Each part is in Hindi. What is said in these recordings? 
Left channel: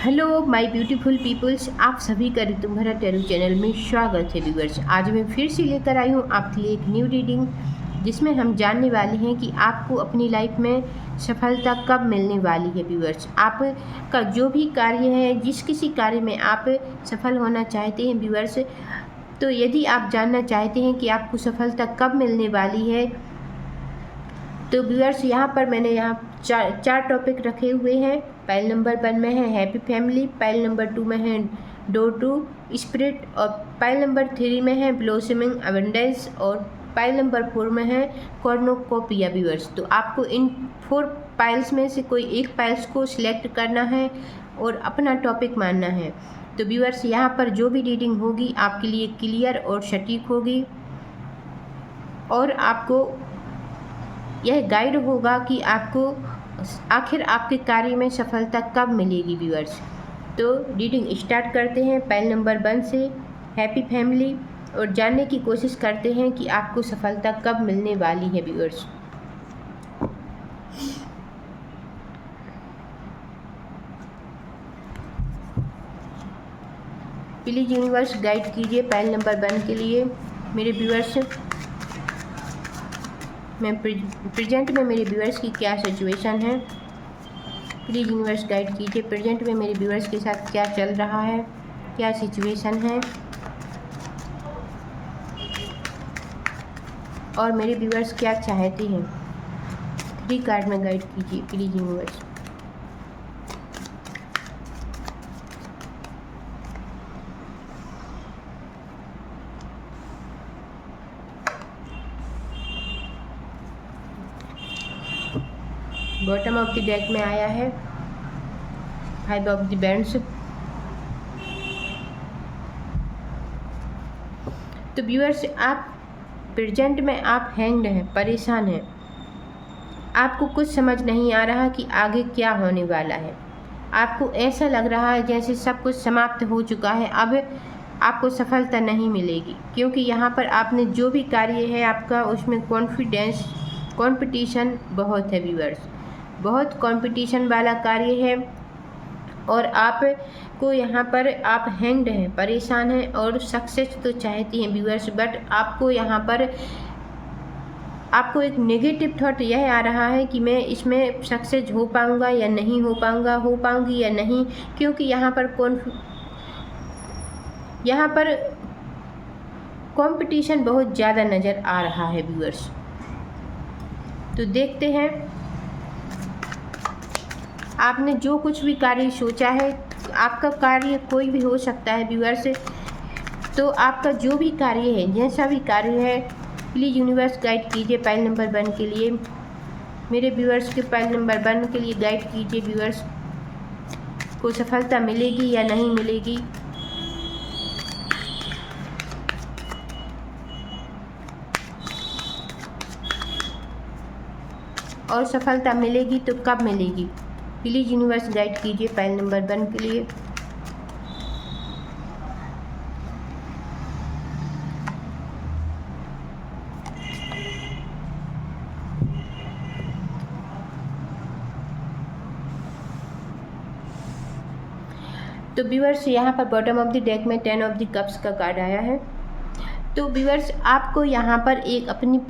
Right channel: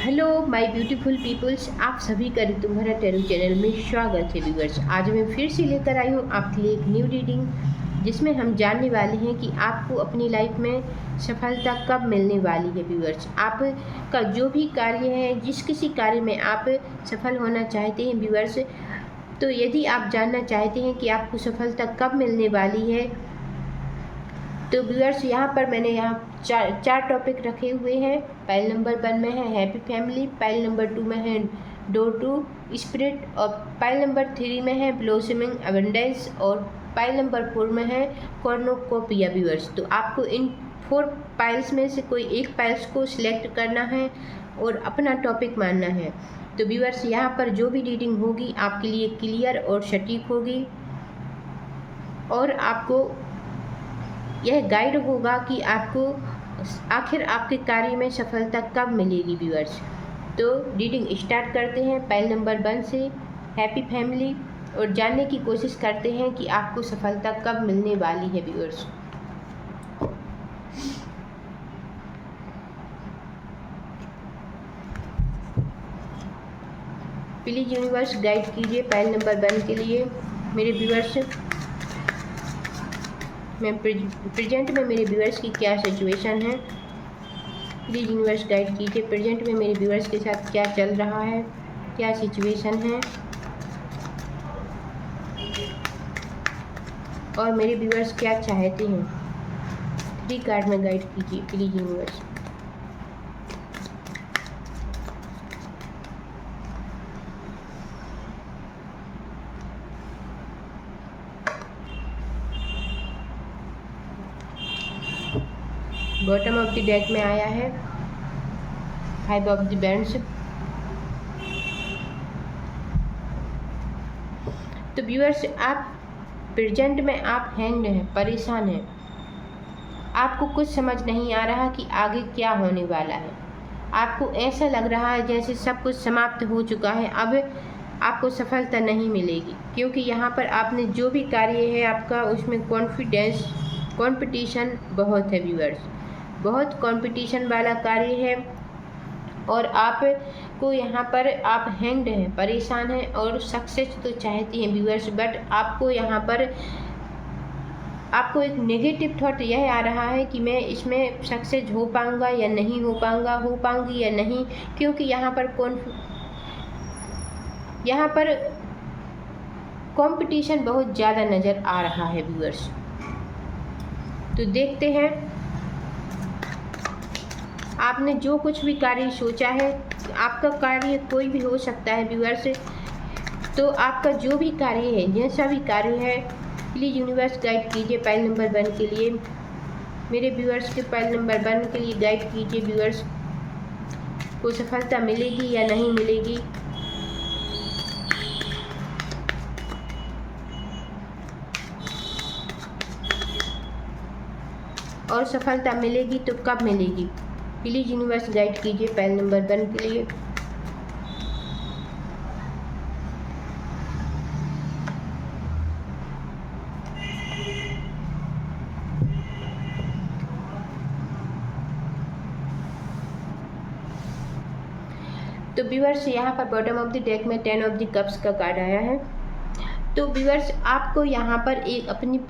हेलो माय ब्यूटीफुल पीपल्स, आप सभी का ऋतुभरा टैरो चैनल में स्वागत है व्यूअर्स। आज मैं फिर से लेकर आई हूँ आपके लिए एक न्यू रीडिंग, जिसमें हम जानने वाले हैं कि आपको अपनी लाइफ में सफलता कब मिलने वाली है। व्यूअर्स, आपका जो भी कार्य है, जिस किसी कार्य में आप सफल होना चाहते हैं व्यूअर्स, तो यदि आप जानना चाहते हैं कि आपको सफलता कब मिलने वाली है, तो व्यूअर्स यहाँ पर मैंने चार टॉपिक रखे हुए हैं। पाइल नंबर 1 में है हैप्पी फैमिली, पाइल नंबर 2 में है डोर टू स्पिरिट, और पाइल नंबर 3 में है ब्लोसमिंग अबंडेंस, और पाइल नंबर 4 में है कॉर्नोकोपिया। व्यूअर्स, तो आपको इन 4 पाइल्स में से कोई एक पाइल्स को सिलेक्ट करना है और अपना टॉपिक मानना है। तो व्यूअर्स, यहाँ पर जो भी रीडिंग होगी आपके लिए क्लियर और सटीक होगी, और आपको यह गाइड होगा कि आपको आखिर आपके कार्य में सफलता कब मिलेगी। व्यूअर्स, तो रीडिंग स्टार्ट करते हैं पाइल नंबर 1 से हैप्पी फैमिली, और जानने की कोशिश करते हैं कि आपको सफलता कब मिलने वाली है। व्यूअर्स, प्लीज यूनिवर्स गाइड कीजिए पाइल नंबर 1 के लिए मेरे व्यूअर्स। मैं प्रेजेंट में मेरे व्यूअर्स की क्या सिचुएशन है, प्लीज़ यूनिवर्स गाइड कीजिए। प्रेजेंट में मेरे व्यूअर्स के साथ क्या चल रहा है, क्या सिचुएशन है, और मेरे व्यूअर्स क्या चाहते हैं। 3 कार्ड में गाइड कीजिए please universe. Bottom of the deck में आया है 5 ऑफ द बैंड्स। तो व्यूअर्स, आप प्रेजेंट में आप हैंग्ड हैं, परेशान हैं, आपको कुछ समझ नहीं आ रहा कि आगे क्या होने वाला है। आपको ऐसा लग रहा है जैसे सब कुछ समाप्त हो चुका है, अब आपको सफलता नहीं मिलेगी, क्योंकि यहाँ पर आपने जो भी कार्य है आपका, उसमें कंपटीशन बहुत है। व्यूअर्स, बहुत कंपटीशन वाला कार्य है, और आपको यहाँ पर आप हैंग्ड हैं, परेशान हैं, और सक्सेस तो चाहती हैं व्यूअर्स, बट आपको यहाँ पर आपको एक नेगेटिव थॉट यह आ रहा है कि मैं इसमें सक्सेस हो पाऊँगा या नहीं हो पाऊँगा, हो पाऊँगी या नहीं, क्योंकि यहाँ पर कंपटीशन बहुत ज़्यादा नज़र आ रहा है व्यूअर्स। तो देखते हैं, आपने जो कुछ भी कार्य सोचा है, आपका कार्य कोई भी हो सकता है व्यूअर्स, तो आपका जो भी कार्य है, जैसा भी कार्य है, प्लीज़ यूनिवर्स गाइड कीजिए पाइल नंबर 1 के लिए मेरे व्यूअर्स के। पाइल नंबर 1 के लिए गाइड कीजिए, व्यूअर्स को सफलता मिलेगी या नहीं मिलेगी। और सफलता मिलेगी तो कब मिलेगी, प्लीज़ यूनिवर्स गाइड कीजिए पाइल नंबर 1 के लिए। तो व्यूअर्स, यहाँ पर बॉटम ऑफ द डेक में 10 ऑफ द कप्स का कार्ड आया है। तो व्यूअर्स, आपको यहाँ पर एक अपनी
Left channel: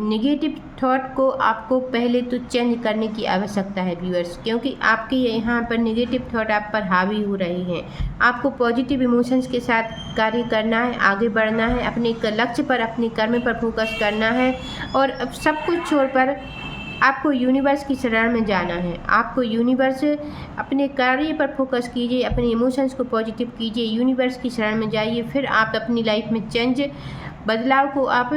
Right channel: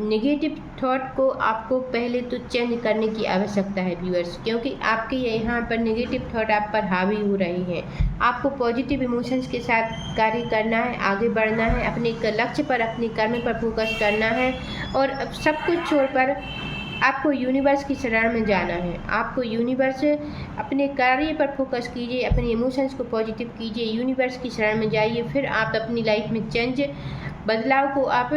नेगेटिव थॉट को आपको पहले तो चेंज करने की आवश्यकता है व्यूअर्स, क्योंकि आपके यहाँ पर नेगेटिव थॉट आप पर हावी हो रही हैं। आपको पॉजिटिव इमोशंस के साथ कार्य करना है, आगे बढ़ना है, अपने लक्ष्य पर, अपने कर्म पर फोकस करना है, और अब सब कुछ छोड़कर आपको यूनिवर्स की शरण में जाना है। आपको यूनिवर्स, अपने कार्य पर फोकस कीजिए, अपने इमोशंस को पॉजिटिव कीजिए, यूनिवर्स की शरण में जाइए, फिर आप अपनी लाइफ में बदलाव को आप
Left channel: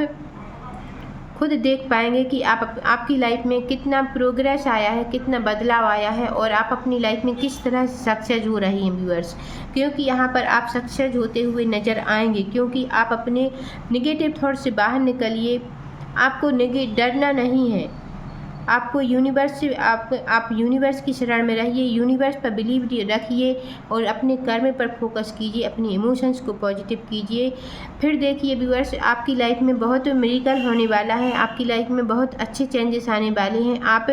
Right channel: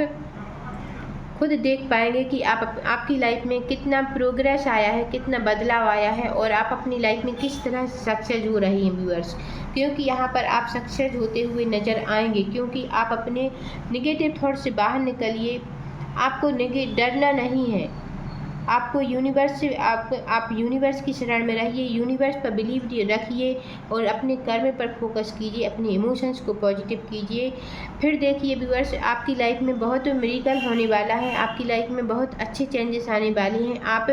खुद देख पाएंगे कि आपकी लाइफ में कितना प्रोग्रेस आया है, कितना बदलाव आया है, और आप अपनी लाइफ में किस तरह सक्सेस हो रही हैं व्यूअर्स। क्योंकि यहाँ पर आप सक्सेस होते हुए नज़र आएंगे, क्योंकि आप अपने निगेटिव थॉट से बाहर निकलिए। आपको डरना नहीं है, आपको यूनिवर्स से आप यूनिवर्स की शरण में रहिए, यूनिवर्स पर बिलीव रखिए और अपने कर्म पर फोकस कीजिए, अपने इमोशंस को पॉजिटिव कीजिए। फिर देखिए व्यूअर्स, आपकी लाइफ में बहुत मिरेकल होने वाला है, आपकी लाइफ में बहुत अच्छे चेंजेस आने वाले हैं। आप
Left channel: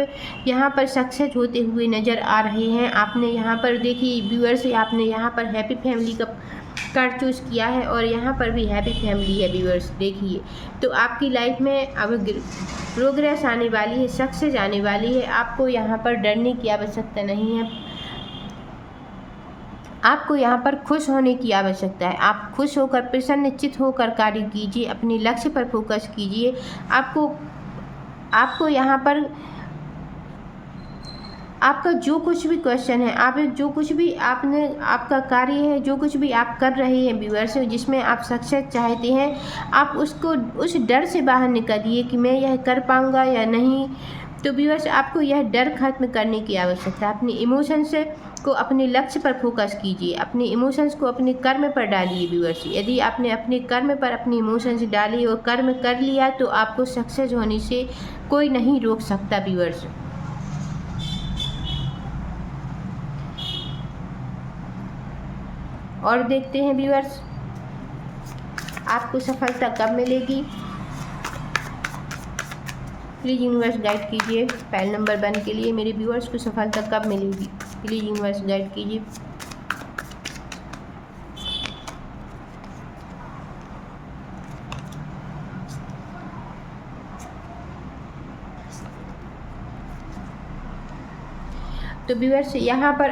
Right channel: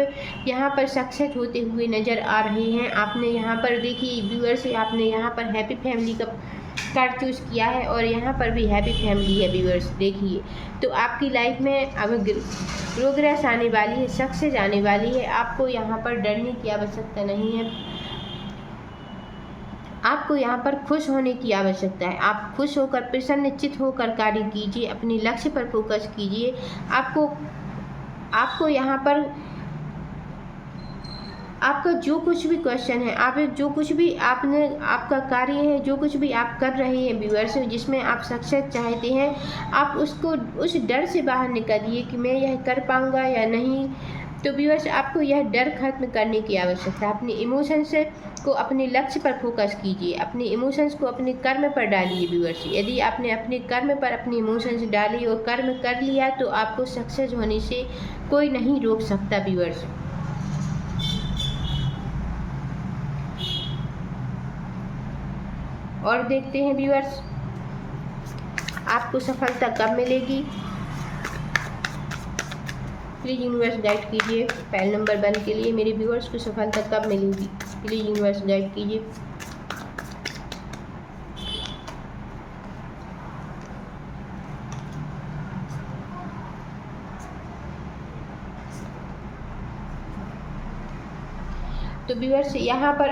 यहाँ पर सक्सेस होते हुए नज़र आ रहे हैं। आपने यहाँ पर देखिए व्यूअर्स, आपने यहाँ पर हैप्पी फैमिली का कार्ड चूज़ किया है और यहाँ पर भी हैप्पी फैमिली है व्यूअर्स। देखिए तो आपकी लाइफ में अब प्रोग्रेस आने वाली है, सक्सेस आने वाली है। आपको यहाँ पर डरने की आवश्यकता नहीं है, आपको यहाँ पर खुश होने की आवश्यकता है। आप खुश होकर प्रसन्नचित होकर कार्य कीजिए, अपने लक्ष्य पर फोकस कीजिए। आपको यहाँ पर आपका जो कुछ भी क्वेश्चन है, आप जो कुछ भी आपका कार्य है, जो कुछ भी आप कर रहे हैं व्यूअर्स, जिसमें आप सक्सेस चाहते हैं, आप उसको उस डर से बाहर निकलिए कि मैं यह कर पाऊँगा या नहीं। तो व्यूअर्स, आपको यह डर खत्म करने की आवश्यकता है। अपने इमोशंस को अपने लक्ष्य पर फोकस कीजिए, अपने इमोशंस को अपने कर्म पर डालिए व्यूअर्स। यदि आपने अपने कर्म पर अपने इमोशंस डाले और कर्म कर लिया तो आपको सक्सेस होने से कोई नहीं रोक सकता व्यूअर्स। और देखते हैं व्यूअर्स, आपको सफलता कब मिलेगी। प्लीज़ यूनिवर्स गाइड कीजिए पैल नंबर 1 के लिए मेरे व्यूअर्स को सफलता कब मिलेगी। प्लीज़ यूनिवर्स गाइड कीजिए। तो व्यूअर्स, यहाँ पर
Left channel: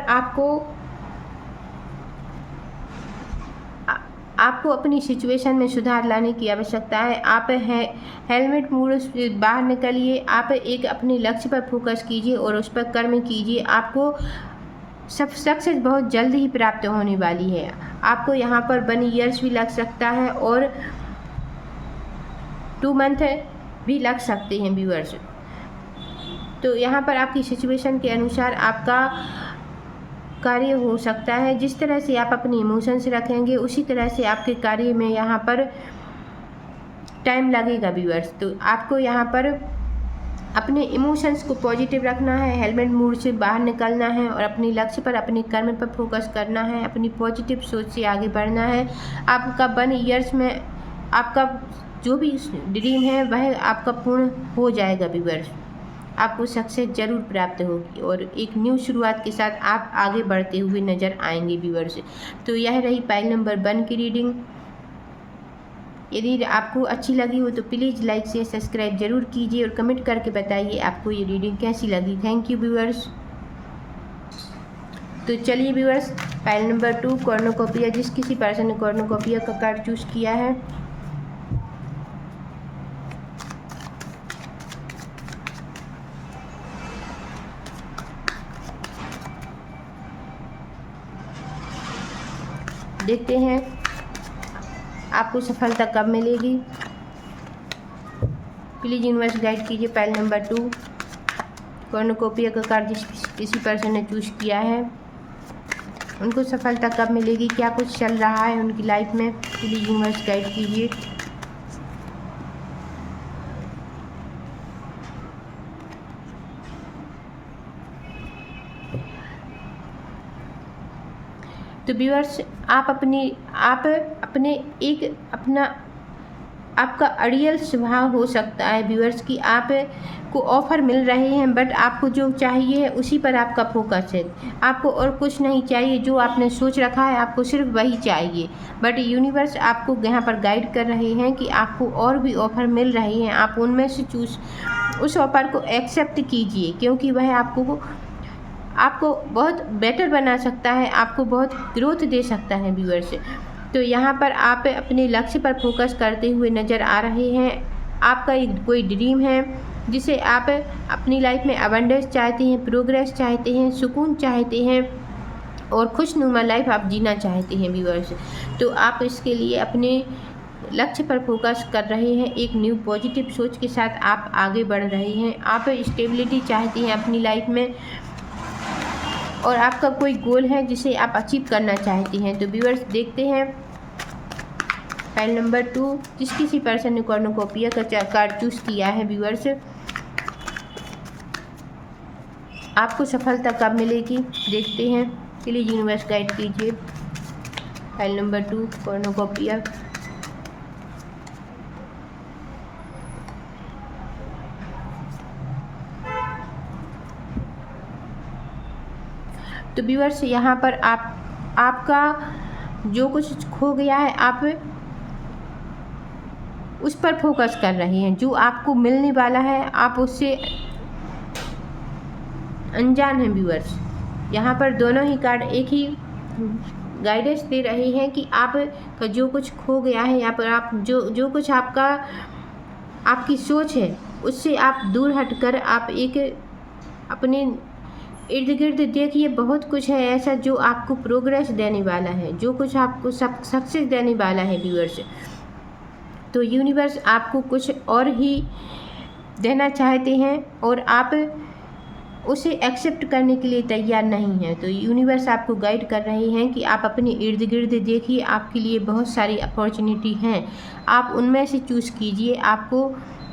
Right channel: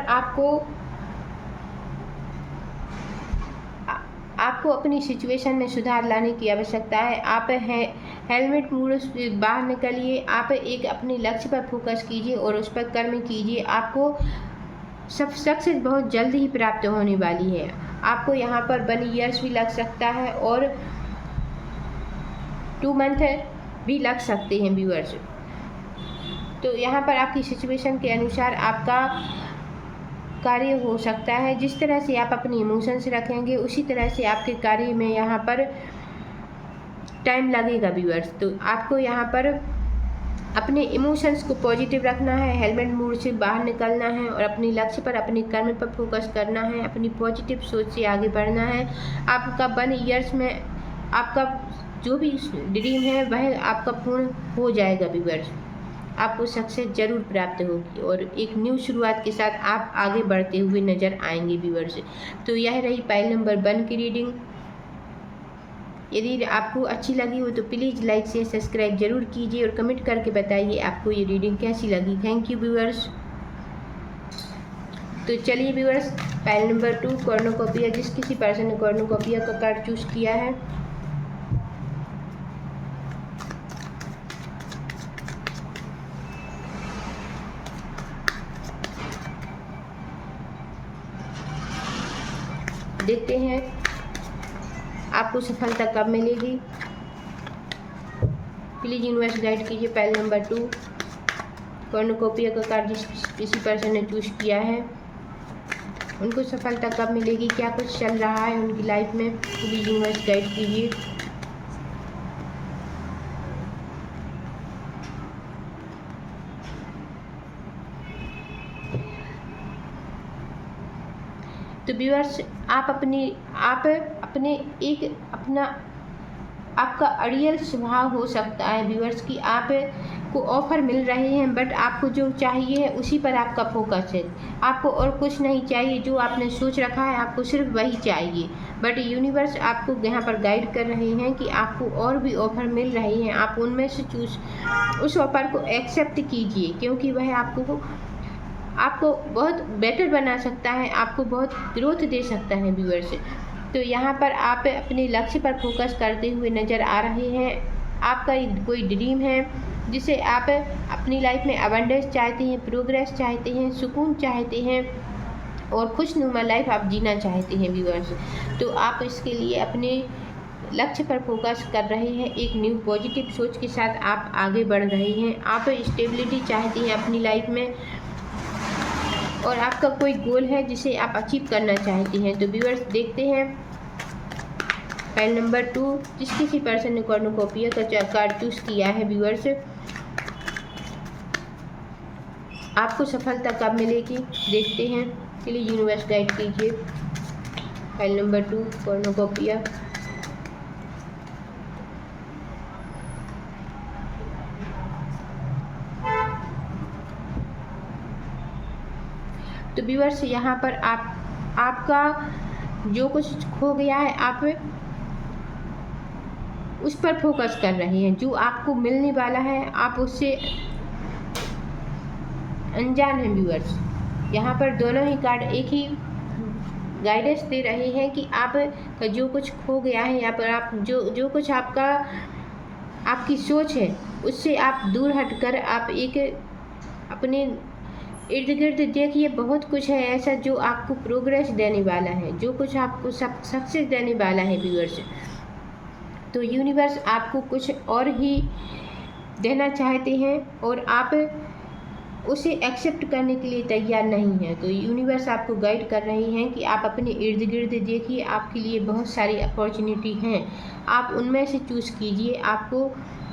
आपको अपनी सिचुएशन में सुधार लाने की आवश्यकता है। आप हेलमेट मोड से बाहर निकलिए, आप एक अपने लक्ष्य पर फोकस कीजिए और उस पर कर्म कीजिए। आपको सब सक्सेस बहुत जल्द ही प्राप्त होने वाली है। आपको यहाँ पर 1 ईयर्स भी लग सकता है और 2 मंथ भी लग सकते हैं व्यूअर्स। तो यहाँ पर आपकी सिचुएशन के अनुसार आपका कार्य हो सकता है। जिस तरह से आप अपनी इमोशंस रखेंगे उसी तरह से आपके कार्य में यहाँ पर टाइम लगेगा व्यूअर्स। तो आपको यहाँ पर अपने इमोशंस को पॉजिटिव रखना है, हेलमेट मोड से बाहर निकलना है और अपने लक्ष्य पर, अपने कर्म पर फोकस करना है, अपनी पॉजिटिव सोच से आगे बढ़ना है। आपका 1 ईयर्स में आपका जो भी ड्रीम है वह आपका पूर्ण हो जाएगा व्यूअर्स। आपको सक्सेस जरूर प्राप्त होगी और एक न्यू शुरुआत के साथ आप आगे बढ़ते हुए नज़र आएंगे व्यूअर्स। तो यह रही पाइल नंबर 1 की रीडिंग। यदि आपको अच्छी लगी हो तो प्लीज़ लाइक शेयर सब्सक्राइब जरूर कीजिए और कमेंट करके बताइए आपको ये रीडिंग कैसी लगी। Thank you viewers. तो चलिए व्यूअर्स, पाइल नंबर 2 कॉर्नुकोपिया, जिस किसी पर्सन ने कॉर्नुकोपिया का कार्ड चूज़ किया है, देखते हैं आपको सफलता कब मिलेगी। प्लीज़ यूनिवर्स गाइड कीजिए पैल नंबर 2 कॉर्नुकोपिया का कार्ड जिस किसी पर्सन ने चूज़ किया है, उनको सफलता कब मिलेगी, क्या कुछ चल रहा है उनकी लाइफ में। प्लीज़ यूनिवर्स गाइड कीजिए। तो व्यूअर्स, आपका अड़ियल स्वभाव हो सकता है व्यूअर्स कि आप को ऑफ़र मिल रहे हैं बट आपको जो चाहिए है उसी पर आपका फोकस है। आपको और कुछ नहीं चाहिए, जो आपने सोच रखा है आपको सिर्फ वही चाहिए। बट यूनिवर्स आपको यहाँ पर गाइड कर रहे हैं कि आपको और भी ऑफ़र मिल रहे हैं, आप उनमें से उस ऑफ़र को एक्सेप्ट कीजिए, क्योंकि वह आपको बहुत बेटर बना सकता है, आपको बहुत ग्रोथ दे सकता है व्यूअर्स। तो यहाँ पर आप अपने लक्ष्य पर फोकस करते हुए नज़र आ रहे हैं। आपका एक कोई ड्रीम है जिसे आप अपनी लाइफ में अबंडेंस चाहते हैं, प्रोग्रेस चाहते हैं, सुकून चाहते हैं और खुशनुमा लाइफ आप जीना चाहते हैं व्यूअर्स। तो आप इसके लिए अपने लक्ष्य पर फोकस कर रहे हैं, एक न्यू पॉजिटिव सोच के साथ आप आगे बढ़ रहे हैं। आप स्टेबिलिटी चाहते हैं अपनी लाइफ में और आपका कोई गोल है जिसे आप अचीव करना चाहते हैं। तो व्यूअर्स, देखते हैं फाइल नंबर 2 जिस किसी पर्सन ने कॉर्नुकोपिया का कार्ड चूज़ किया है व्यूअर्स, आपको सफलता कब मिलेगी देखते हैं। प्लीज़ यूनिवर्स गाइड कीजिए। File number 2 कॉर्नोकोपिया। तो व्यूअर्स यहाँ पर आपका जो कुछ खो गया है आप उस पर फोकस कर रहे हैं। जो आपको मिलने वाला है आप उससे अनजान हैं व्यूअर्स। यहाँ पर दोनों ही कार्ड एक ही गाइडेंस दे रहे हैं कि आप का जो कुछ खो गया है यहाँ पर आप जो कुछ आपकी सोच है उससे आप दूर हटकर आप एक अपने इर्द गिर्द देखिए। बहुत कुछ है ऐसा जो आपको प्रोग्रेस देने वाला है, जो कुछ आपको सक्सेस देने वाला है व्यूअर्स। तो यूनिवर्स आपको कुछ और ही देना चाहते हैं और आप उसे एक्सेप्ट करने के लिए तैयार नहीं है। तो यूनिवर्स आपको गाइड कर रहे हैं कि आप अपने इर्द गिर्द देखिए, आपके लिए बहुत सारी अपॉर्चुनिटी हैं, आप उनमें से चूज़ कीजिए। आपको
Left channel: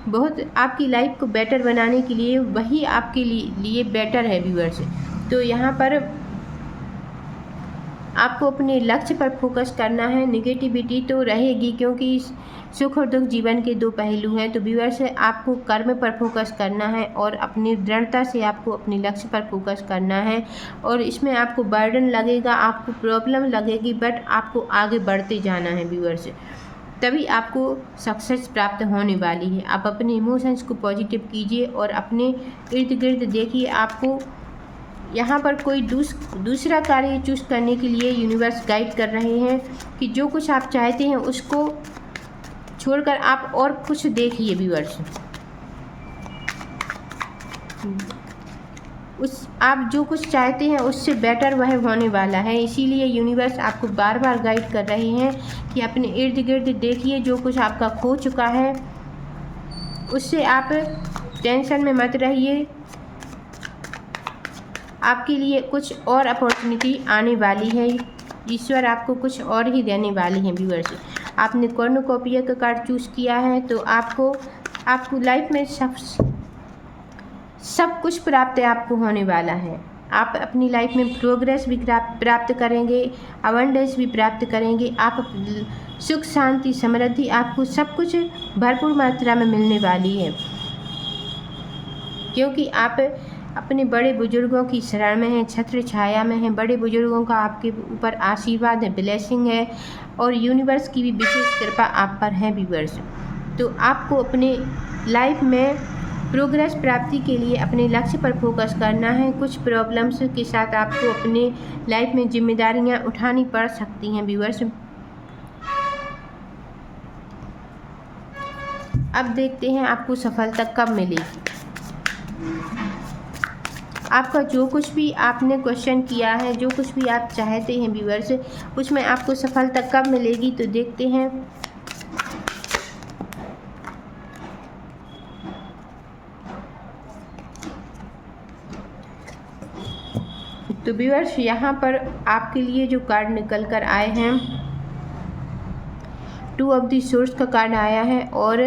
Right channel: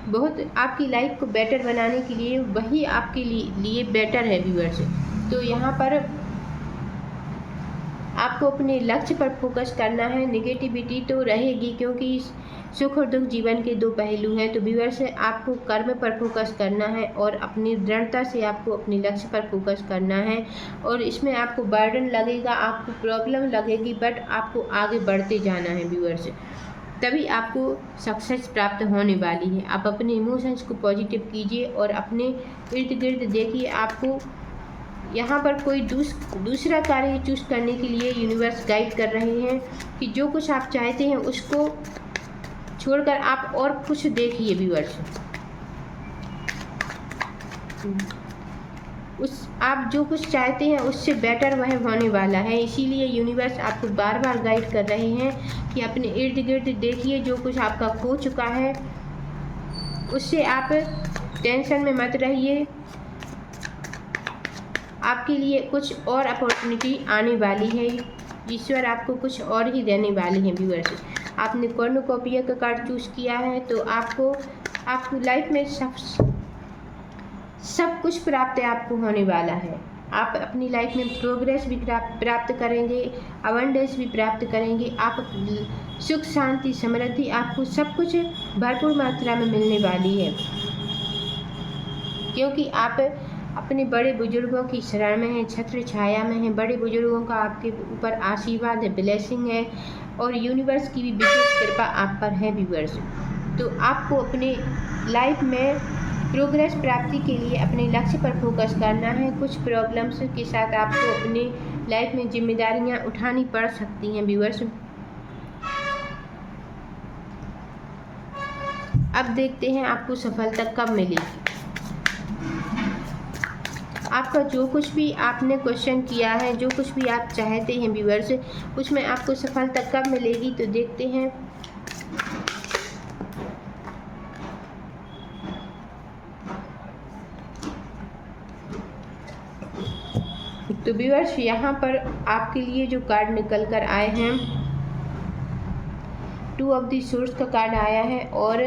बहुत आपकी लाइफ को बेटर बनाने के लिए वही आपके लिए बेटर है व्यूअर्स। तो यहाँ पर आपको अपने लक्ष्य पर फोकस करना है। नेगेटिविटी तो रहेगी क्योंकि सुख और दुख जीवन के दो पहलू हैं। तो व्यूअर्स आपको कर्म पर फोकस करना है और अपनी दृढ़ता से आपको अपने लक्ष्य पर फोकस करना है। और इसमें आपको बर्डन लगेगा, आपको प्रॉब्लम लगेगी, बट आपको आगे बढ़ते जाना है व्यूअर्स, तभी आपको सक्सेस प्राप्त होने वाली है। आप अपने इमोशंस को पॉजिटिव कीजिए और अपने इर्द गिर्द देखिए। आपको यहाँ पर कोई दूसरा कार्य चूज़ करने के लिए यूनिवर्स गाइड कर रहे हैं कि जो कुछ आप चाहते हैं उसको छोड़कर आप और कुछ देखिए व्यूअर्स। आप जो कुछ चाहते हैं उससे बेटर वह होने वाला है। इसीलिए यूनिवर्स आपको बार बार गाइड कर रहे हैं कि अपने इर्द गिर्द देखिए। जो कुछ आपका खो चुका है उससे आप टेंशन में मत रहिए, आपके लिए कुछ और अपॉर्चुनिटी आने वाली है। ईश्वर आपको कुछ और ही देने वाले हैं व्यूअर्स। आपने कॉर्नुकोपिया का कार्ड चूज़ किया है तो आपको लाइफ में सब कुछ प्राप्त आपको होने वाला है। आप अपनी लाइफ में प्रोग्रेस भी प्राप्त करेंगे, अबंडेंस भी प्राप्त करेंगे। आप सुख शांति समृद्धि आपको सब कुछ भरपूर मात्रा में मिलने वाली है, क्योंकि आप अपने बड़े बुजुर्गों की शरण में हैं, छत्र छाया में हैं। बड़े बुजुर्गों का आपके ऊपर आशीर्वाद है, ब्लेसिंग है और यूनिवर्स की भी विशेष कृपा आप पर है व्यूअर्स। तो आपको अपने लाइफ में प्रोग्रेस प्राप्ति के लिए अपने लक्ष्य पर फोकस करना है। कुछ प्रॉब्लम्स के साथ आपको अपने लाइफ में जिम्मेदारियां उठानी पड़ सकती हैं व्यूअर्स। अब देखते हैं आपको सफलता कब मिलेगी। आपका जो कुछ भी आपने क्वेश्चन किया है, जो कुछ भी आप चाहते हैं व्यूअर्स, उसमें आपको सफलता कब मिलेगी तो देखते हैं। तो व्यूअर्स यहाँ पर आपके लिए जो कार्ड निकल कर आए हैं, 2 ऑफ द सोर्स का कार्ड आया है और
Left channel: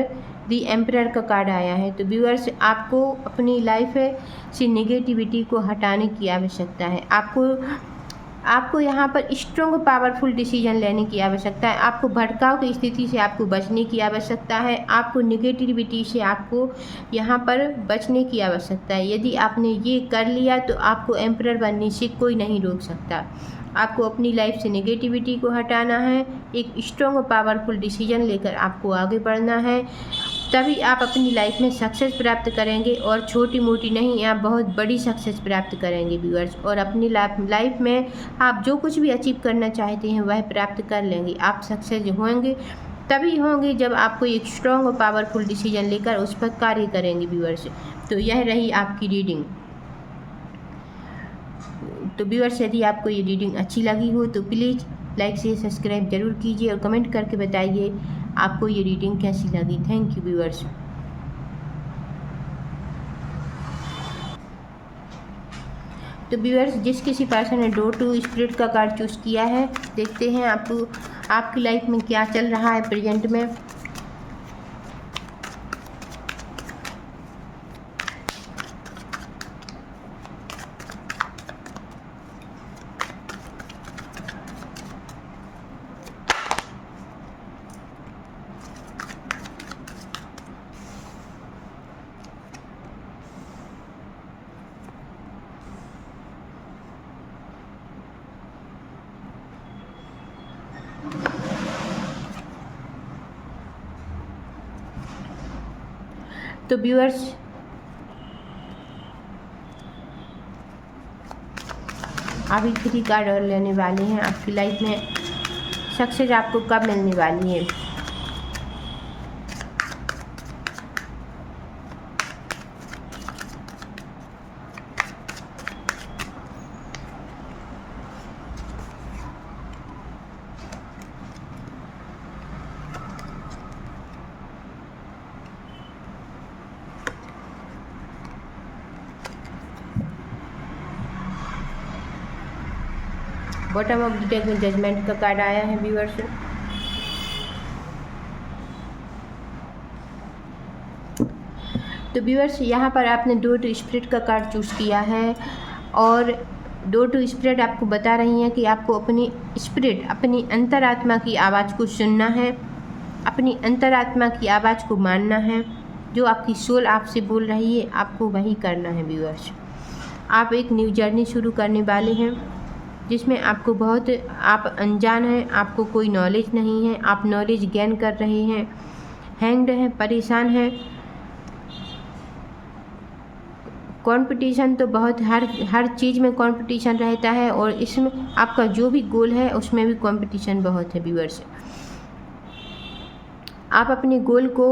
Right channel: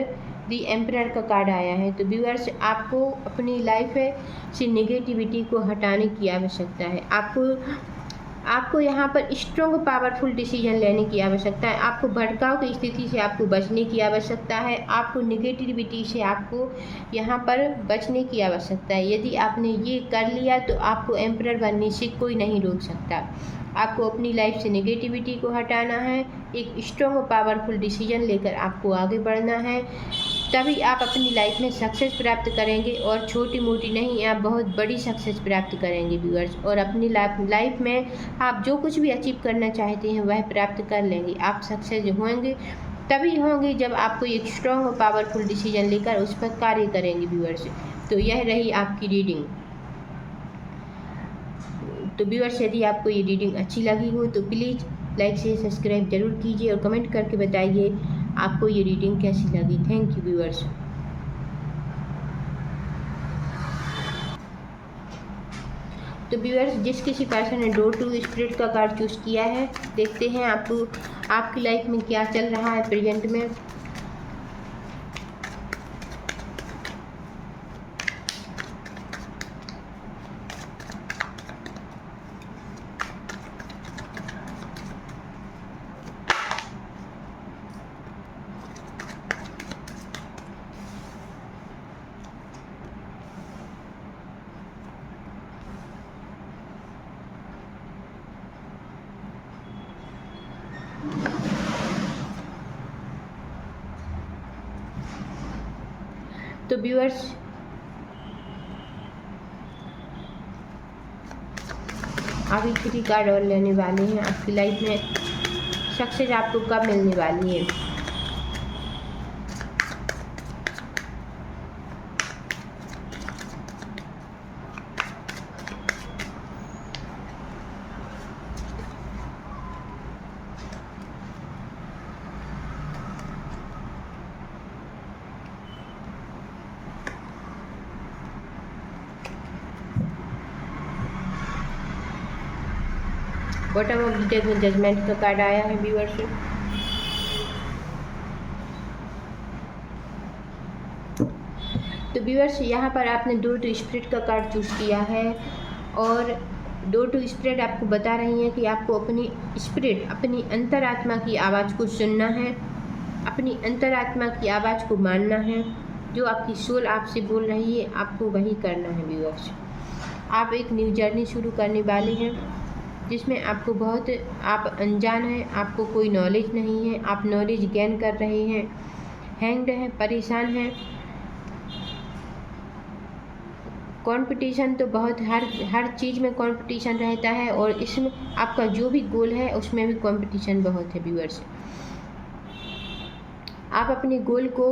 दी एम्परर का कार्ड आया है। तो व्यूअर्स आपको अपनी लाइफ से नेगेटिविटी को हटाने की आवश्यकता है। आपको यहाँ पर स्ट्रॉन्ग पावरफुल डिसीजन लेने की आवश्यकता है। आपको भटकाव की स्थिति से आपको बचने की आवश्यकता है। आपको नेगेटिविटी से आपको यहाँ पर बचने की आवश्यकता है। यदि आपने ये कर लिया तो आपको एम्परर बनने से कोई नहीं रोक सकता। आपको अपनी लाइफ से नेगेटिविटी को हटाना है, एक स्ट्रॉन्ग पावरफुल डिसीजन लेकर आपको आगे बढ़ना है, तभी आप अपनी लाइफ में सक्सेस प्राप्त करेंगे। और छोटी मोटी नहीं, आप बहुत बड़ी सक्सेस प्राप्त करेंगे व्यूअर्स। और अपनी लाइफ में आप जो कुछ भी अचीव करना चाहते हैं वह प्राप्त कर लेंगे। आप सक्सेस होंगे तभी होंगे जब आप कोई एक स्ट्रॉन्ग और पावरफुल डिसीजन लेकर उस पर कार्य करेंगे व्यूअर्स। तो यह रही आपकी रीडिंग। तो व्यूअर्स यदि आपको ये रीडिंग अच्छी लगी हो तो प्लीज़ लाइक से सब्सक्राइब जरूर कीजिए और कमेंट करके बताइए आपको ये रीडिंग कैसी लगी। Thank you viewers. तो व्यूअर्स जिस किसी पर्सन ने डोर टू स्पिरिट का कार्ड चूज़ किया है, देखते हैं आपको आपकी लाइफ में क्या चल रहा है प्रेजेंट में। तो व्यूअर्स, अभी 3 कार्ड और लेने वाले हैं। आपकी लाइफ में सक्सेस आपको कब मिलने वाली है। बॉटम ऑफ द डेक में जजमेंट का कार्ड आया है व्यूअर्स। तो व्यूअर्स, यहाँ पर आपने डोर टू स्पिरिट का कार्ड चूज़ किया है और डोर टू स्पिरिट आपको बता रही हैं कि आपको अपनी स्पिरिट, अपनी अंतरात्मा की आवाज़ को सुनना है, अपनी अंतरात्मा की आवाज़ को मानना है। जो आपकी सोल आपसे बोल रही है आपको वही करना है व्यूअर्स। आप एक न्यू जर्नी शुरू करने वाले हैं जिसमें आपको बहुत, आप अनजान हैं, आपको कोई नॉलेज नहीं है, आप नॉलेज गेन कर रहे हैं, हैंग्ड हैं, परेशान हैं। कंपटीशन तो बहुत, हर चीज़ में कंपटीशन रहता है और इसमें आपका जो भी गोल है उसमें भी कंपटीशन बहुत है व्यूअर्स। आप अपने गोल को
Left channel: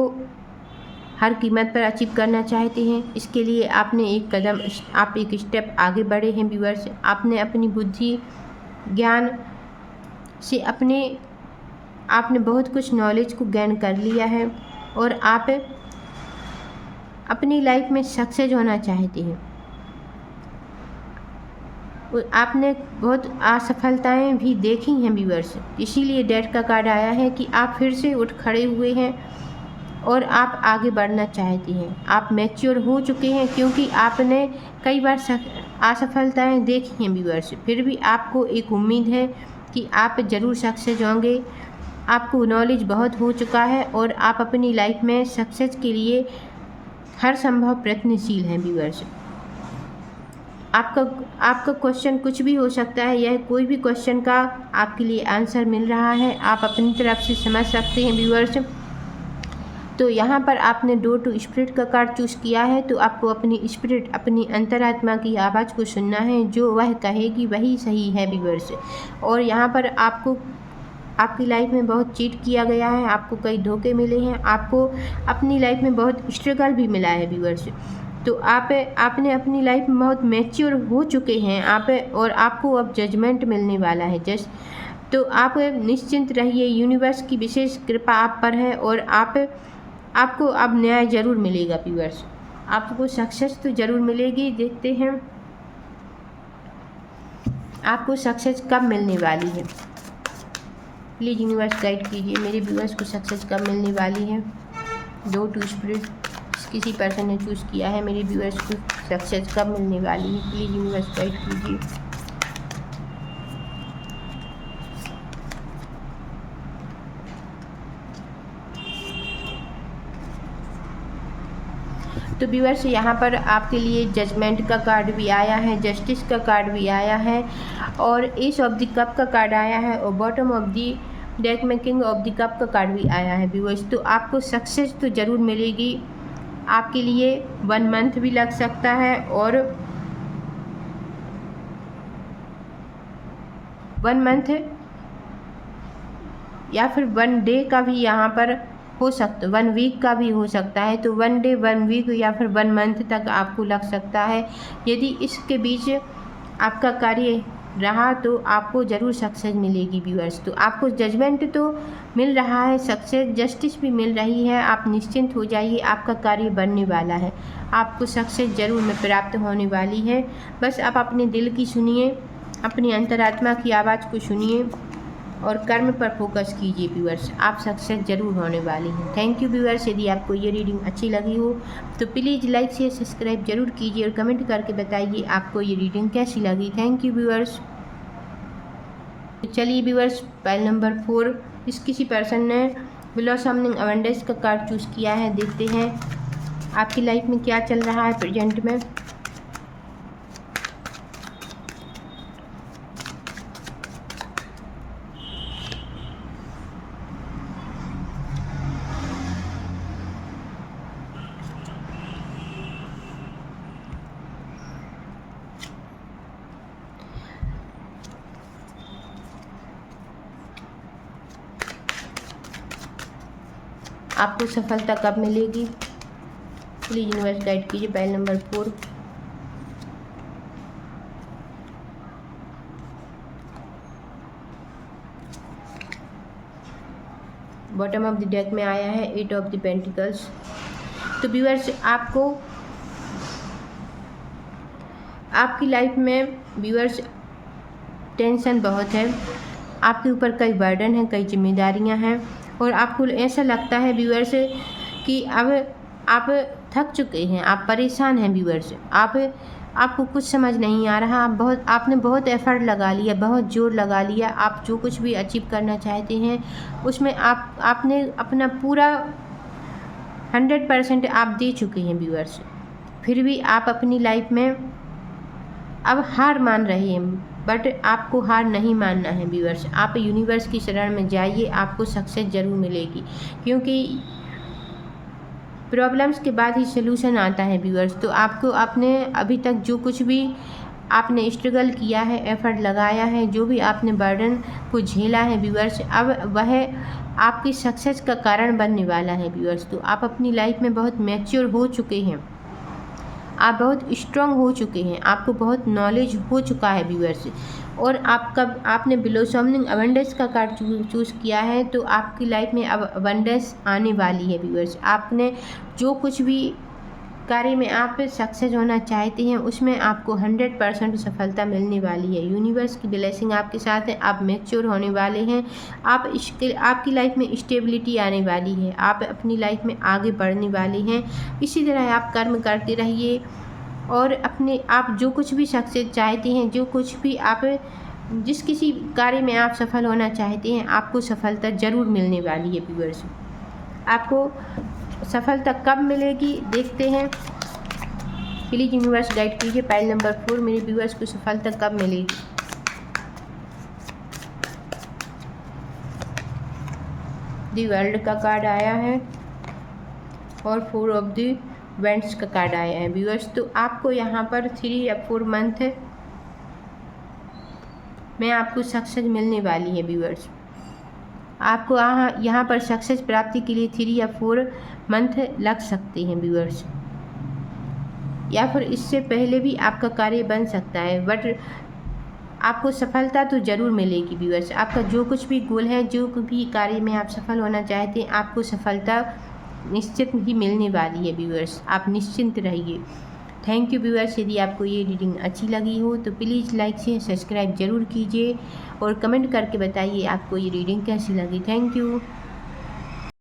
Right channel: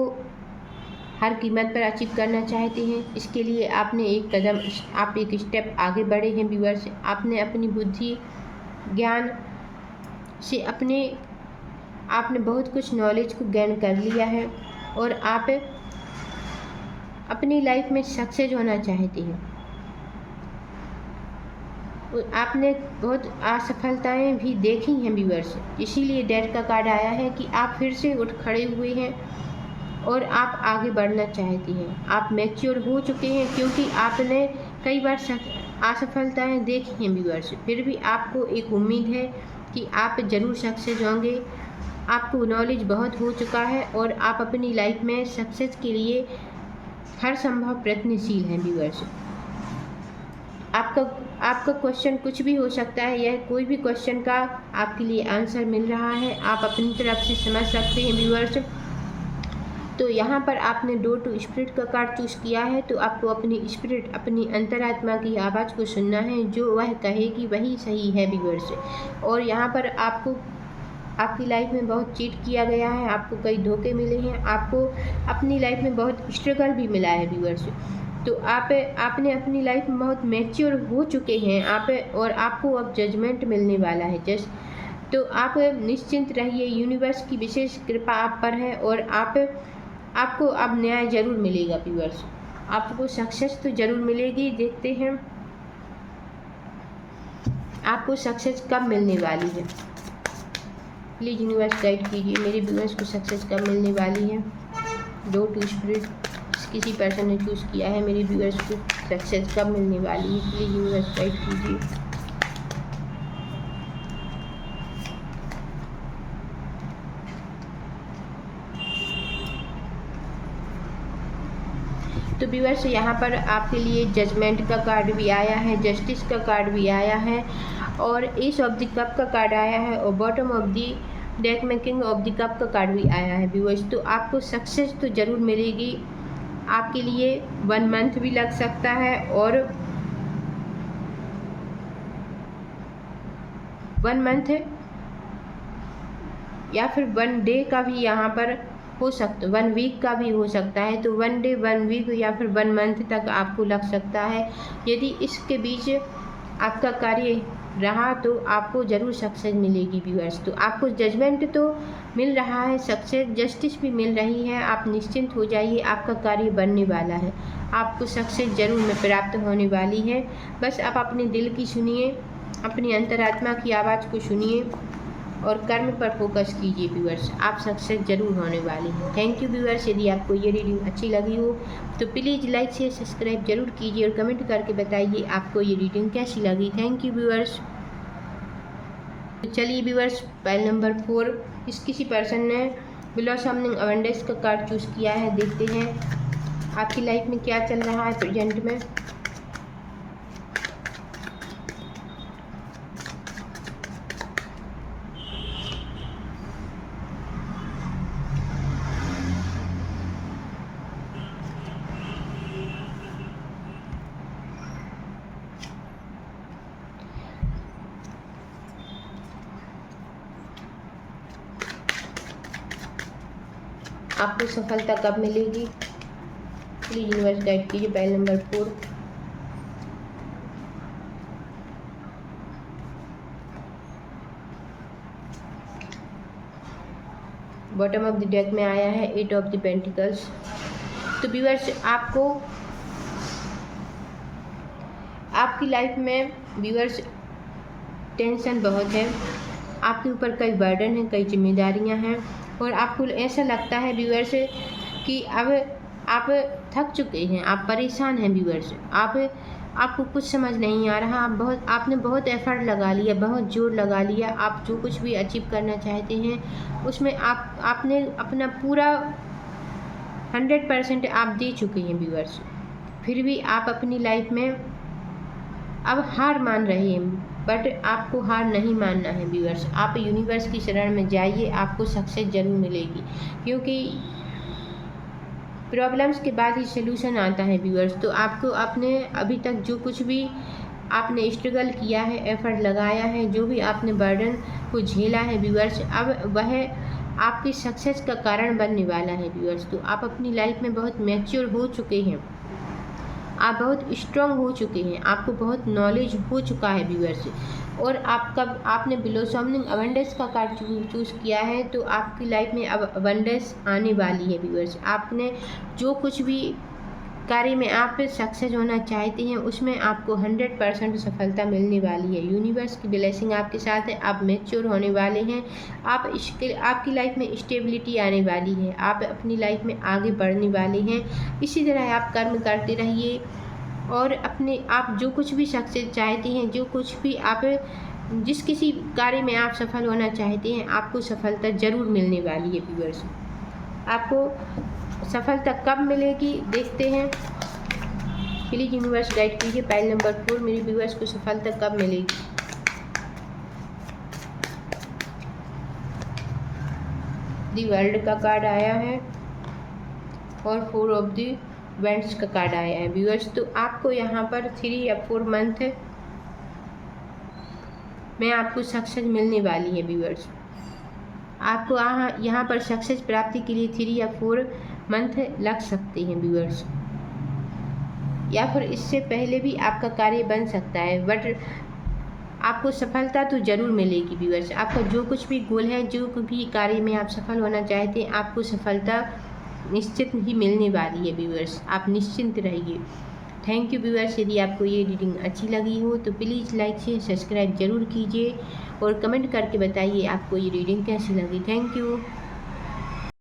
हर कीमत पर अचीव करना चाहते हैं। इसके लिए आपने एक कदम, आप एक स्टेप आगे बढ़े हैं व्यूअर्स। आपने अपनी बुद्धि ज्ञान से आपने बहुत कुछ नॉलेज को गेन कर लिया है और आप अपनी लाइफ में सक्सेस होना चाहते हैं। आपने बहुत असफलताएं भी देखी हैं व्यूअर्स, इसीलिए डेथ का कार्ड आया है कि आप फिर से उठ खड़े हुए हैं और आप आगे बढ़ना चाहती हैं। आप मैच्योर हो चुके हैं क्योंकि आपने कई बार असफलताएं देखी हैं व्यूअर्स, फिर भी आपको एक उम्मीद है कि आप ज़रूर सक्सेस होंगे। आपको नॉलेज बहुत हो चुका है और आप अपनी लाइफ में सक्सेस के लिए हर संभव प्रयत्नशील हैं व्यूअर्स। आपका क्वेश्चन कुछ भी हो सकता है, यह कोई भी क्वेश्चन का आपके लिए आंसर मिल रहा है, आप अपनी तरफ से समझ सकते हैं व्यूअर्स। तो यहाँ पर आपने डोर टू स्पिरिट का कार्ड चूज़ किया है, तो आपको अपनी स्पिरिट, अपनी अंतरात्मा की आवाज़ को सुनना है। जो वह कहेगी वही सही है व्यूअर्स। और यहाँ पर आपको आपकी लाइफ में बहुत चीट किया गया है, आपको कई धोखे मिले हैं, आपको अपनी लाइफ में बहुत स्ट्रगल भी मिला है व्यूअर्स। तो आपने अपनी लाइफ में बहुत मैच्योर हो चुके हैं आप, और आपको अब जजमेंट मिलने वाला है तो आप निश्चिंत रहिए। यूनिवर्स की विशेष कृपा आप पर है और आपको अब न्याय ज़रूर मिलेगा व्यूअर्स। आपको सक्सेस तो ज़रूर मिलेगी। देखते हैं आपको सक्सेस कब मिलने वाली है। प्लीज़ यूनिवर्स गाइड कीजिए मेरे व्यूअर्स को सक्सेस कब मिलने वाली है। डोर टू स्पिरिट किसी पर्सन ने चूज़ किया है, मेरे व्यूअर्स को सक्सेस कब मिलने वाली है। प्लीज़ यूनिवर्स गाइड कीजिए। तो व्यूअर्स, यहाँ पर आपके लिए जजमेंट का कार्ड भी आया है, जस्टिस का कार्ड भी आया है और एस ऑफ द कप का कार्ड आया है और बॉटम ऑफ द डेक में किंग ऑफ द कप का कार्ड भी आया है व्यूअर्स। तो आपको सक्सेस तो ज़रूर मिलेगी। आपके लिए 1 मंथ भी लग सकता है और 1 मंथ या फिर 1 डे का भी यहाँ पर हो सकता, 1 वीक का भी हो सकता है। तो 1 डे 1 वीक या फिर 1 मंथ तक आपको लग सकता है। यदि इसके बीच आपका कार्य रहा तो आपको ज़रूर सक्सेस मिलेगी व्यूअर्स। तो आपको जजमेंट तो मिल रहा है, सक्सेस जस्टिस भी मिल रही है। आप निश्चिंत हो जाइए, आपका कार्य बनने वाला है, आपको सक्सेस ज़रूर में प्राप्त होने वाली है। बस आप अपने दिल की सुनिए, अपनी अंतरात्मा की आवाज़ को सुनिए और कर्म पर फोकस कीजिए व्यूअर्स। आप सक्सेस ज़रूर होने वाले हैं। Thank you viewers. यदि आपको ये रीडिंग अच्छी लगी हो तो प्लीज़ लाइक शेयर सब्सक्राइब जरूर कीजिए और कमेंट करके बताइए आपको ये रीडिंग कैसी लगी। Thank you viewers. तो चलिए व्यूअर्स, पाइल नंबर 4 किसी पर्सन ने ब्लॉसमिंग अवेंडेंस का कार्ड चूज़ किया है। देखते हैं आपकी लाइफ में क्या चल रहा है प्रेजेंट में। आपको सफलता कब मिलेगी? प्लीज़ यूनिवर्स गाइड कीजिए। पहल number 4, bottom of the deck में आया है 8 ऑफ द पेंटिकल्स। तो व्यूअर्स, आपकी लाइफ में व्यूअर्स टेंशन बहुत है, आपके ऊपर कई बर्डन हैं, कई जिम्मेदारियां हैं, और आपको ऐसा लगता है व्यूअर्स कि अब आप थक चुके हैं, आप परेशान हैं व्यूअर्स। आपको कुछ समझ नहीं आ रहा। आपने बहुत एफर्ट लगा लिया, बहुत जोर लगा लिया। आप जो कुछ भी अचीव करना चाहते हैं उसमें आपने अपना पूरा 100% आप दे चुके हैं व्यूअर्स। फिर भी आप अपनी लाइफ में अब हार मान रहे हैं, बट आपको हार नहीं मानना है व्यूअर्स। आप यूनिवर्स की शरण में जाइए, आपको सक्सेस ज़रूर मिलेगी, क्योंकि प्रॉब्लम्स के बाद ही सलूशन आता है व्यूअर्स। तो आपको अपने अभी तक जो कुछ भी आपने स्ट्रगल किया है, एफर्ट लगाया है, जो भी आपने बर्डन को झेला है व्यूअर्स, अब वह आपकी सक्सेस का कारण बनने वाला है व्यूअर्स। तो आप अपनी लाइफ में बहुत मैच्योर हो चुके हैं, आप बहुत स्ट्रांग हो चुके हैं, आपको बहुत नॉलेज हो चुका है व्यूअर्स। और आपने ब्लॉसमिंग अबंडेंस का कार्ड चूज़ किया है, तो आपकी लाइफ में अब अबंडेंस आने वाली है व्यूअर्स। आपने जो कुछ भी कार्य में आप सक्सेस होना चाहते हैं उसमें आपको 100% सफलता मिलने वाली है। यूनिवर्स की ब्लेसिंग आपके साथ है, आप मैच्योर होने वाले हैं, आपकी लाइफ में स्टेबिलिटी आने वाली है, आप अपनी लाइफ में आगे बढ़ने वाले हैं। इसी तरह आप कर्म करते रहिए, और आप जो कुछ भी सक्सेस चाहते हैं, जो कुछ भी आप जिस किसी कार्य में आप सफल होना चाहते हैं, आपको सफलता ज़रूर मिलने वाली है व्यूअर्स। आपको सफलता कब मिलेगी देखते हैं। प्लीज़ यूनिवर्स गाइड कीजिए। पहल नंबर 4, मेरे व्यूअर्स को सफलता कब मिलेगी? दी वर्ल्ड का कार्ड आया है और 4 ऑफ द वेंट्स का कार्ड आया है व्यूअर्स। तो आपको यहाँ पर 3 या 4 मंथ में आपको सक्सेस मिलने वाली है व्यूअर्स। आपको यहाँ पर सक्सेस प्राप्ति के लिए 3 या 4 मंथ लग सकते हैं व्यूअर्स, या फिर इससे पहले भी आपका कार्य बन सकता है, बट आपको सफलता तो ज़रूर मिलेगी व्यूअर्स। आपका जो कुछ भी गोल है, जो भी कार्य में आप सफल होना चाहते हैं, आपको सफलता निश्चित ही मिलने वाली है व्यूअर्स। आप निश्चिंत रहिए। Thank you viewers. यदि आपको ये रीडिंग अच्छी लगी हो तो प्लीज़ लाइक से सब्सक्राइब ज़रूर कीजिए, और कमेंट करके बताइए आपको ये रीडिंग कैसी लगी। Thank you.